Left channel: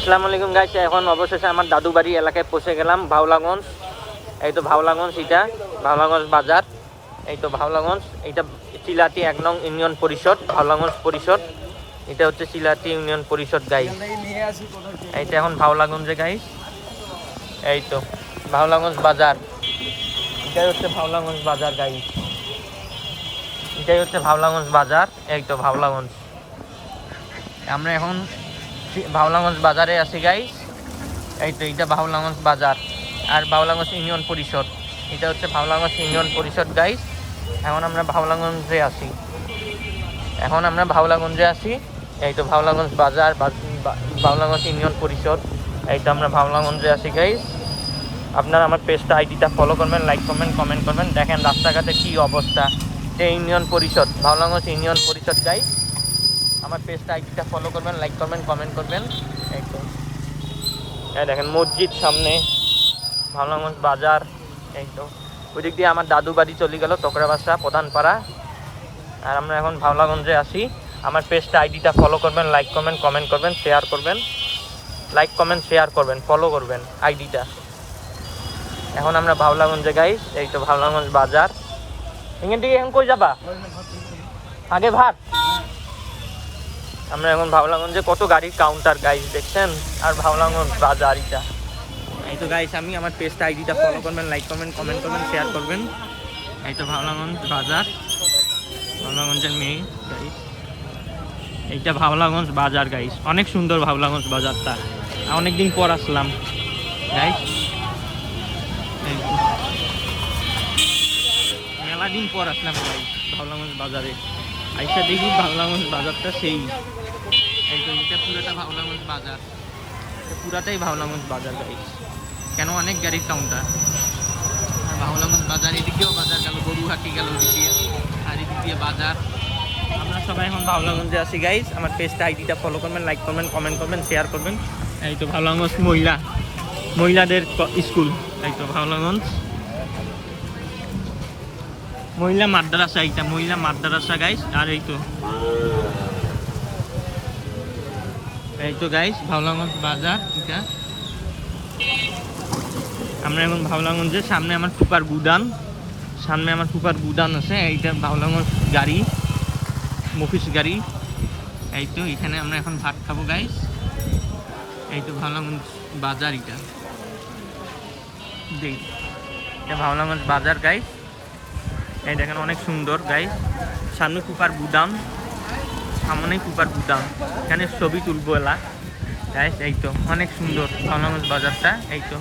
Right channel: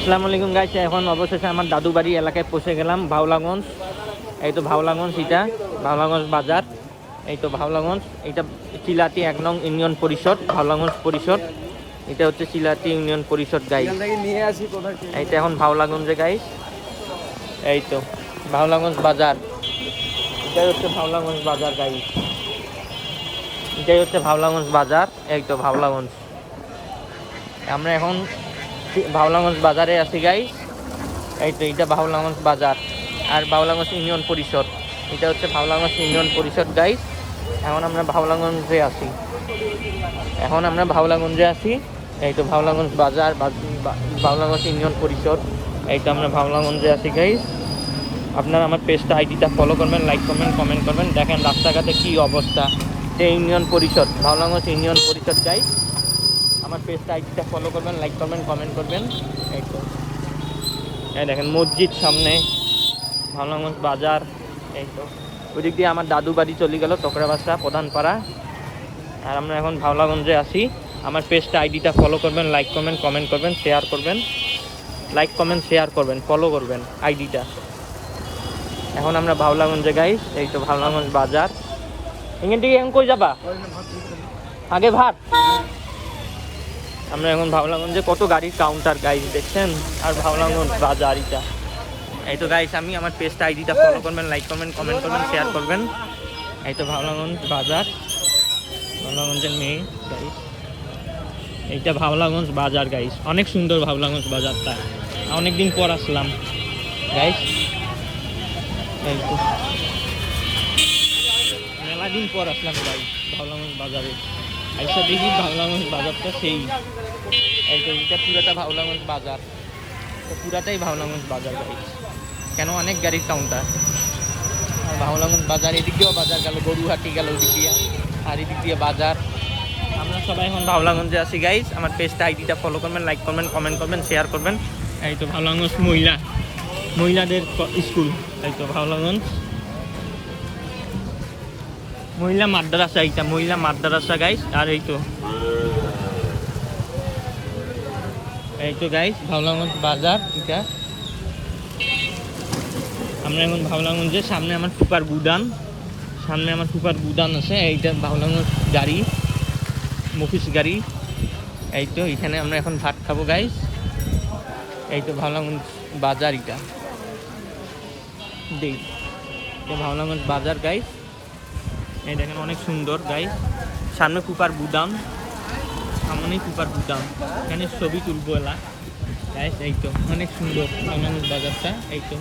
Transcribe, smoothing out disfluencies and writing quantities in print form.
আসসালামু আলাইকুম গাইস, এখন অবশেষে আমার দাদু বাড়ি এলাকায় পৌঁছে গেলাম। ভাওলাগঞ্জ, এই তো ভাওলাগঞ্জ, এটা ভাওলাগঞ্জ বাজার, এই তো ভাওলাগঞ্জ। এটা চিলাটি 1 নং ইউনিয়ন পরিষদ, ভাওলাগঞ্জ পরিষদ। এটা হচ্ছে চিলাটি ইউনিয়ন পরিষদ গাইস। এইটা এখন ভাওলাগঞ্জে গাইস, এই তো ভাওলাগঞ্জ বাজার। এটা হচ্ছে ভাওলাগঞ্জ বাজার গাইস, এটা হচ্ছে ভাওলাগঞ্জ বাজার, এই তো ভাওলাগঞ্জ। আমরা এখন ভাওলাগঞ্জ বাজারে আছি গাইস, এই তো এটা ভাওলাগঞ্জ বাজার আর ভাওলাগঞ্জ ইউনিয়ন পরিষদ। এটা হচ্ছে ভাওলাগঞ্জ ইউনিয়ন পরিষদ গাইস। এখন আমরা ভাওলাগঞ্জে আছি, এই তো ভাওলাগঞ্জ বাজার, ভাওলাগঞ্জ ইউনিয়ন পরিষদ। এই তো আমরা ভাওলাগঞ্জে আছি গাইস। আপনারা আমার পেজটা, আইডিটা ফলো করবেন, লাইক করবেন, কমেন্ট করবেন। দেখেন রাস্তাঘাটে কি অবস্থা। যে ইউনিয়ন পরিষদ, ভাওলাগঞ্জ ইউনিয়ন পরিষদ গাইস। আমার পেজটা, আইডিটা ফলো করবেন, লাইক করবেন, কমেন্ট করবেন। এই দেখেন মসজিদ সামনে, ভাওলাগঞ্জ বাজার। এই তো ওই দিক দিয়ে আমার দাদু বাড়ি চলে গেল, টকরাবাসা প্রধানপাড়া। আর আমরা এখন ভাওলাগঞ্জে আছি। আমার পেজটা, আইডিটা ফলো করবেন, লাইক করবেন, কমেন্ট করবেন, শেয়ার করবেন। লাইক কমেন্ট শেয়ার করবেন, ফলো করবেন আইডিটা। এখন আমরা ভাওলাগঞ্জে গাইস, এই তো ভাওলাগঞ্জ বাজার। এখান থেকে এখন কই যাবা? আগে ভাট। আমরা এখন ভাওলাগঞ্জে, কত গাড়ির কাউন্টার গাইস দেখছেন। আর ভাওলাগঞ্জ বাজার এটা, এই তো গাইস। আমি আমার পেজটা, আইডিটা ফলো করবেন, লাইক করবেন, কমেন্ট করবেন, শেয়ার করবেন। এই তো ভাওলাগঞ্জ বাজার, ভাওলাগঞ্জের মেয়ে গাইস। এইটা ভাওলাগঞ্জ বাজার গাইস, অনেক সুন্দর ভাওলাগঞ্জ বাজারটা। অনেকদিন পর আসলাম গাইস, এই তো মেলা দিন পর আসলাম গাইস ভাওলাগঞ্জ বাজারে। আইসা দেখি ভাওলাগঞ্জ বাজারটা সেই, এই তো এটা পুরাটা ভাওলাগঞ্জ বাজার, পুরাটাই ভাওলাগঞ্জ বাজার গাইস। কেন অনেক গাড়ির কাউন্টার। ভাওলাগঞ্জ বাজার, এদিকেও বাজার গেল, গরুহাটি গেল ওদিক দিয়ে, আর এদিক দিয়ে বাজার। আমরা সবাই এখন ভাওলাগঞ্জে আছি গাইস। আমার পেজটা, আইডিটা ফলো করবেন, লাইক করবেন, কমেন্ট করবেন, শেয়ার করবেন। এই তো ভাওলাগঞ্জ মহিলাদের স্কুল, এই তো ভাওলাগঞ্জ মহিলা মাদ্রাসা, এইটা মহিলা মাদ্রাসা গাইস। আর এই তো গাইস ভাওলাগঞ্জ বাজার এটা। আমরা এখন ভাওলাগঞ্জের সামনে আমার ফুপার গুদান আছে। এইটা ভাওলাগঞ্জ গাড়ি, মফিস গাড়ি। এই তো এখানে আমরা এখন ভাত খাবো গাইস। এই তো ভাওলাগঞ্জ বাজার, এটা ভাওলাগঞ্জ বাজার গাইস। এই দেখেন অনেক সুন্দর গাইস। সামনে কুপার গুদাম, সামনেই কুপার গুদাম। এখানে ছবি তুলবো এলা গাইস। এই তো অনেক সুন্দর ভাওলাগঞ্জ বাজারটা, এই তো।